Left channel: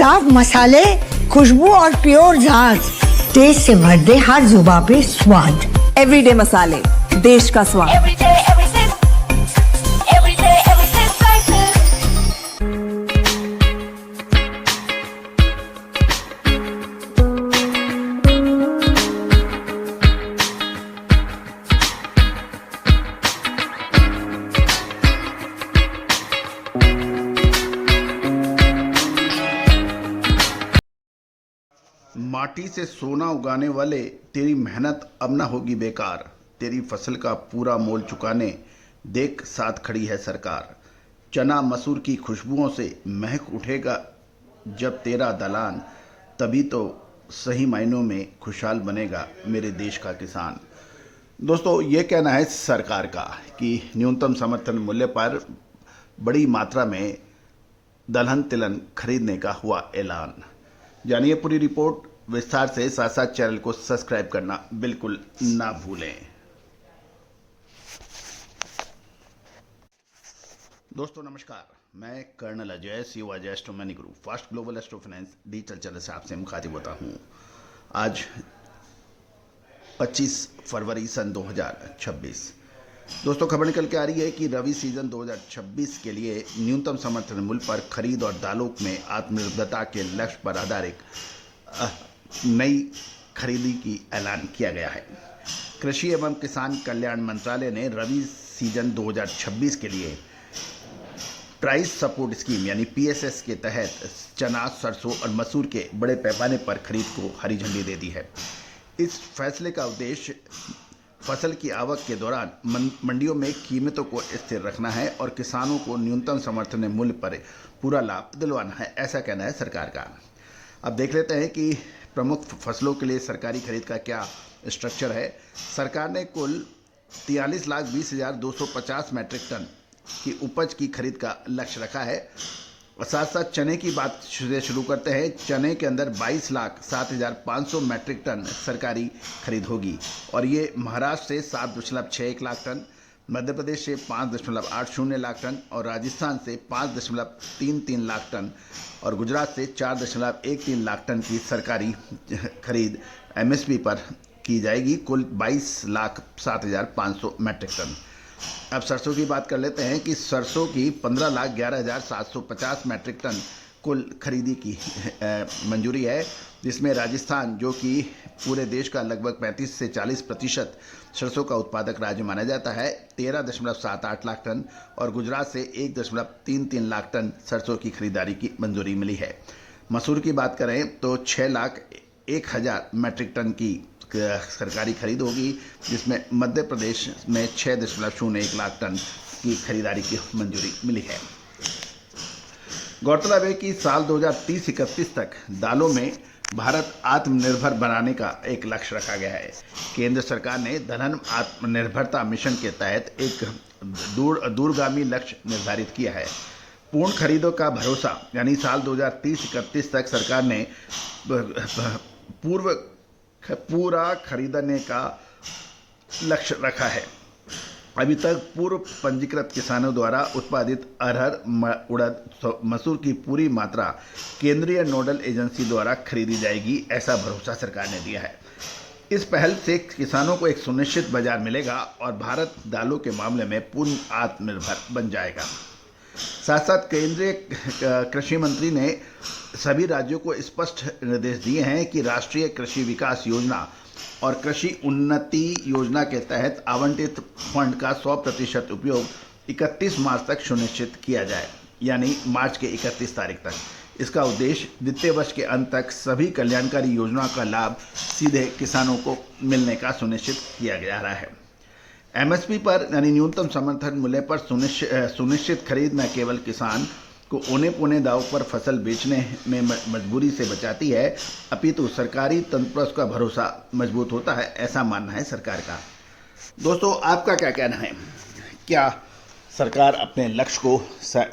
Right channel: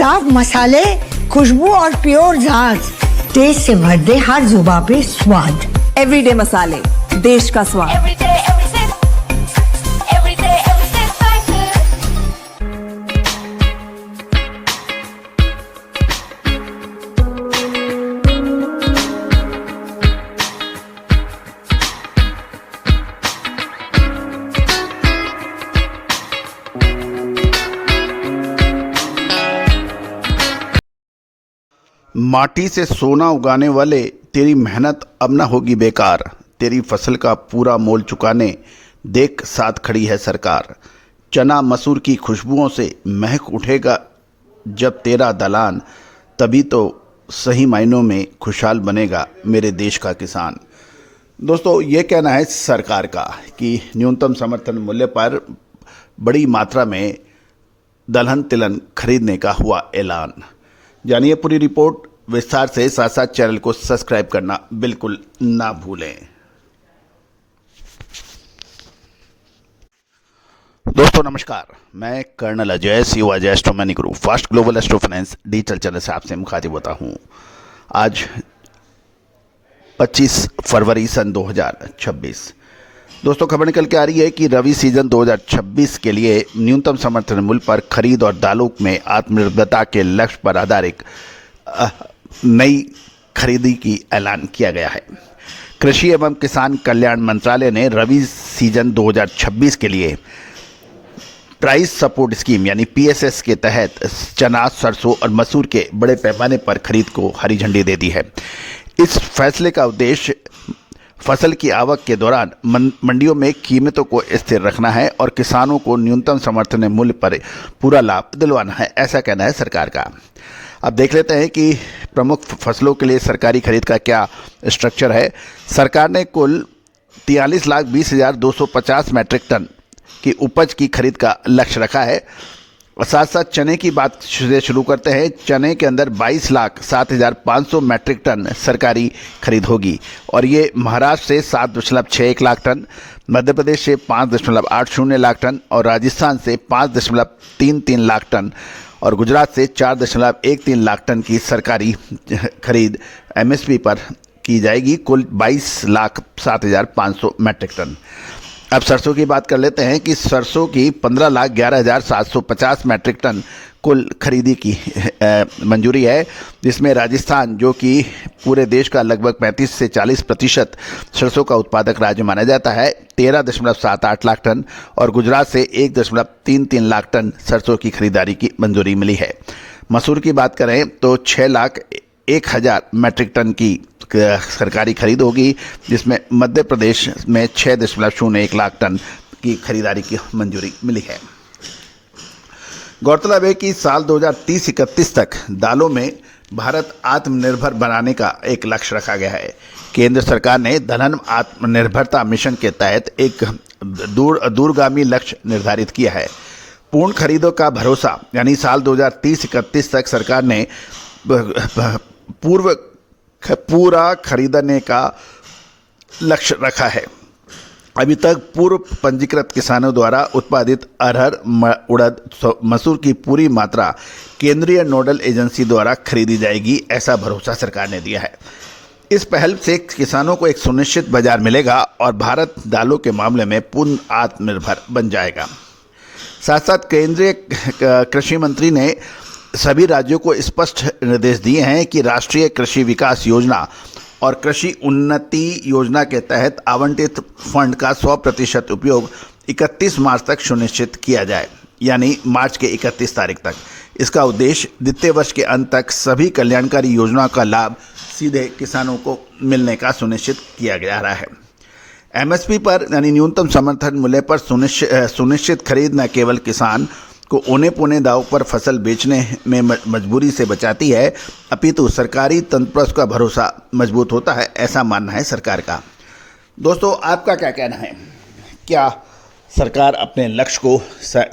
साफ मसाले, खुशबू और प्योर झांझ, टेस्ट से भर दे हर जुबां पे स्वाद। एवरीडे मसाले, देश का स्वाद। Everyday, every sip. Everyday, every sip. Spices. माटी से सोना उगाने वाले, तेरी मेहनत अब न होगी बेकार। तेरी फसल का पूरा मोल चुकाने देख साथ खड़ी है सरकार। चना मसूर की खुशबुओं से महक उठेगा जब तेरा दलान, तभी तो सही मायनों में खुशहाल बनेगा मेरे देश का किसान। दोस्तों, ये कहना है सरकार का कि न्यूनतम समर्थन मूल्य पर बड़ी मात्रा में दलहन तिलहन खरीदने का हुआ ऐलान। जानिए पूरी रिपोर्ट विस्तार से, साथ साथ चैनल को सब्सक्राइब करना बिल्कुल ना भूलें। दोस्तों नमस्कार, मैं colonel Ajay, CEO Ajay astro money group fast global astro finance digital channel से आपसे मुखातिब होता हूं। आज 25 फरवरी सन 2026। दोस्तों, खबर निकल के आ रही है कि रबी सीजन 2026 के लिए न्यूनतम समर्थन मूल्य पर खरीद और दालों में आत्मनिर्भरता के लक्ष्य पर आधारित नई खरीदी की ऐलान किया गया है। कृषि एवं किसान कल्याण मंत्रालय ने रबी सीजन 2026 के लिए प्राइस सपोर्ट स्कीम यानी पीएसएस के तहत चना, सरसों और मसूर के बड़े पैमाने पर खरीद को हरी झंडी दे दी है। इस फैसले का उद्देश्य फसल की आवक के दौरान मंडियों में कीमतों को स्थिर रखना है और किसानों को न्यूनतम समर्थन मूल्य पर पूरा लाभ दिलवाना है, ऐसा कहना है सरकार का। अब देख लेते हैं कि प्रमुख फसलों के लिए सरकारी खरीद का क्या स्ट्रक्चर है। सरकार ने कुल 43,20,250 मैट्रिक टन की उपज की खरीद का लक्ष्य रखा है। और साथ साथ चने की बात से शुरू करते हैं। चने के अंदर 22,07,500 मैट्रिक टन सरकारी खरीद होगी और ये महाराष्ट्र से 7.61 लाख टन, मध्य प्रदेश से 5.80 लाख टन और राजस्थान से 5.33 लाख टन और गुजरात से 4.13 लाख टन की सरकारी खरीद एमएसपी पर की जाएगी, कुल 22,07,500 मैट्रिक टन। अब सरसों की बात कर लेते हैं कि सरसों की 15,11,750 मैट्रिक टन कुल खरीदी की मंजूरी है, जिसमें राजस्थान, जो कि पूरे देश का लगभग 35 से 40% सरसों का उत्पादक राज्य माना जाता है, 13.78 लाख टन और गुजरात से 1.33 लाख टन सरसों की खरीदारी की मंजूरी मिली है। मसूर की बात करें तो 6,01,000 मैट्रिक टन की सरकारी खरीद होगी, जिसमें मध्य प्रदेश में 6.01 लाख टन की खरीदारी की मंजूरी मिली है। गौरतलब है कि साल 2030-31 तक दालों में भारत आत्मनिर्भर बनाने का एक लक्ष्य रखा गया है। केंद्र सरकार ने दलहन आत्मनिर्भरता मिशन के तहत एक दूरगामी लक्ष्य निर्धारित किया है। पूर्ण खरीदों का भरोसा यानी साल 2030-31 तक सरकार ने पूरा खरीदने का लक्ष्य रखा है। अभी तक पूर्व पंजीकृत किसानों द्वारा उत्पादित अरहर, उड़द, मसूर की पूरी मात्रा केंद्रीय नोडल एजेंसी द्वारा खरीदी जाएगी, ऐसा भरोसा सरकार ने दिया है। इस पहल से किसानों को एक सुनिश्चित बाजार मिलेगा और भारत दालों के मामले में पूर्ण आत्मनिर्भर बन जाएगा। साथ साथ केंद्रीय कृषि मंत्री ने सभी राज्यों को स्पष्ट निर्देश दिए हैं कि राष्ट्रीय कृषि विकास योजना और कृषि उन्नति योजना के तहत आवंटित फंड का 100% उपयोग 31 मार्च तक सुनिश्चित किया जाए, यानी मार्च के 31 तारीख तक। इसका उद्देश्य वित्तीय वर्ष के अंत तक सभी कल्याणकारी योजनाओं का लाभ सीधे किसानों को मिलने का सुनिश्चित किया जा रहा है। एमएसपी पर यानी न्यूनतम समर्थन मूल्य पर सुनिश्चित खरीद न केवल किसान को औने पौने दाव पर फसल बेचने में मजबूरी से बचाती है, अपितु सरकारी तंत्र पर उसका भरोसा मजबूत होता है, ऐसा मानना है सरकार का। दोस्तों, आपका क्या कहना है? क्या सरकार अपने लक्ष्य को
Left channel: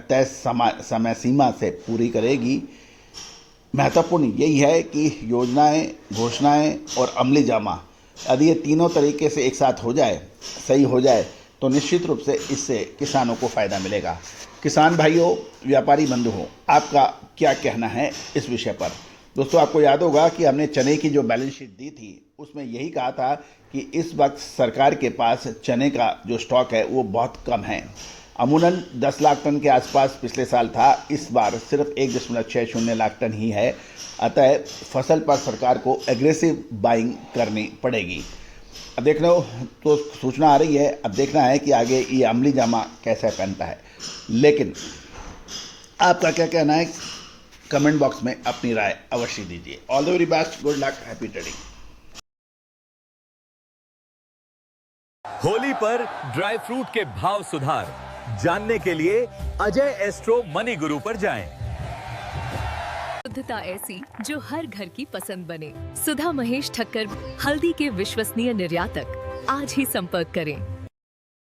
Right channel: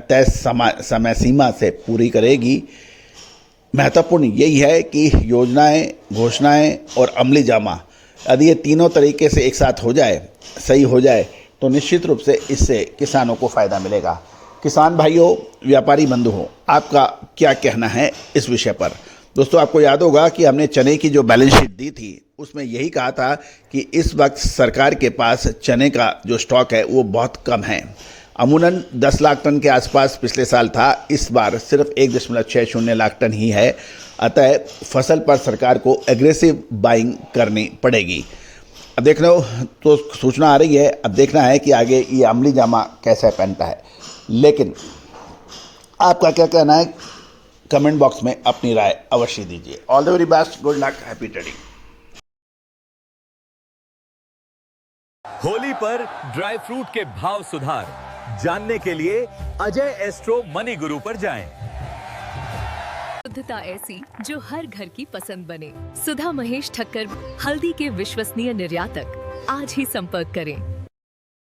तय समय सीमा से पूरी करेगी? महत्वपूर्ण यही है कि योजनाएं, घोषणाएं और अमली जामा यदि ये तीनों तरीके से एक साथ हो जाए, सही हो जाए, तो निश्चित रूप से इससे किसानों को फ़ायदा मिलेगा। किसान भाइयों, व्यापारी बंधुओं, आपका क्या कहना है इस विषय पर? दोस्तों, आपको याद होगा कि हमने चने की जो बैलेंस शीट दी थी उसमें यही कहा था कि इस वक्त सरकार के पास चने का जो स्टॉक है वो बहुत कम है। अमूमन 10 लाख टन के आसपास पिछले साल था, इस बार सिर्फ 1.60 लाख टन ही है। अतः फसल पर सरकार को एग्रेसिव बाइंग करनी पड़ेगी। अब देखना तो सूचना आ रही है, अब देखना है कि आगे ये अमली जामा कैसा पहनता है। लेकिन आपका क्या कहना है, कमेंट बॉक्स में अपनी राय अवश्य दीजिए। All the very best, good luck, happy trading. Holi पर ड्राई फ्रूट के भाव सुधार जानने के लिए अजय एस्ट्रो मनी गुरु पर जाएं। शुद्धता ऐसी जो हर घर की पसंद बने। सुधा महेश ठक्कर, हल्दी के विश्वसनीय निर्यातक। आज ही संपर्क करें।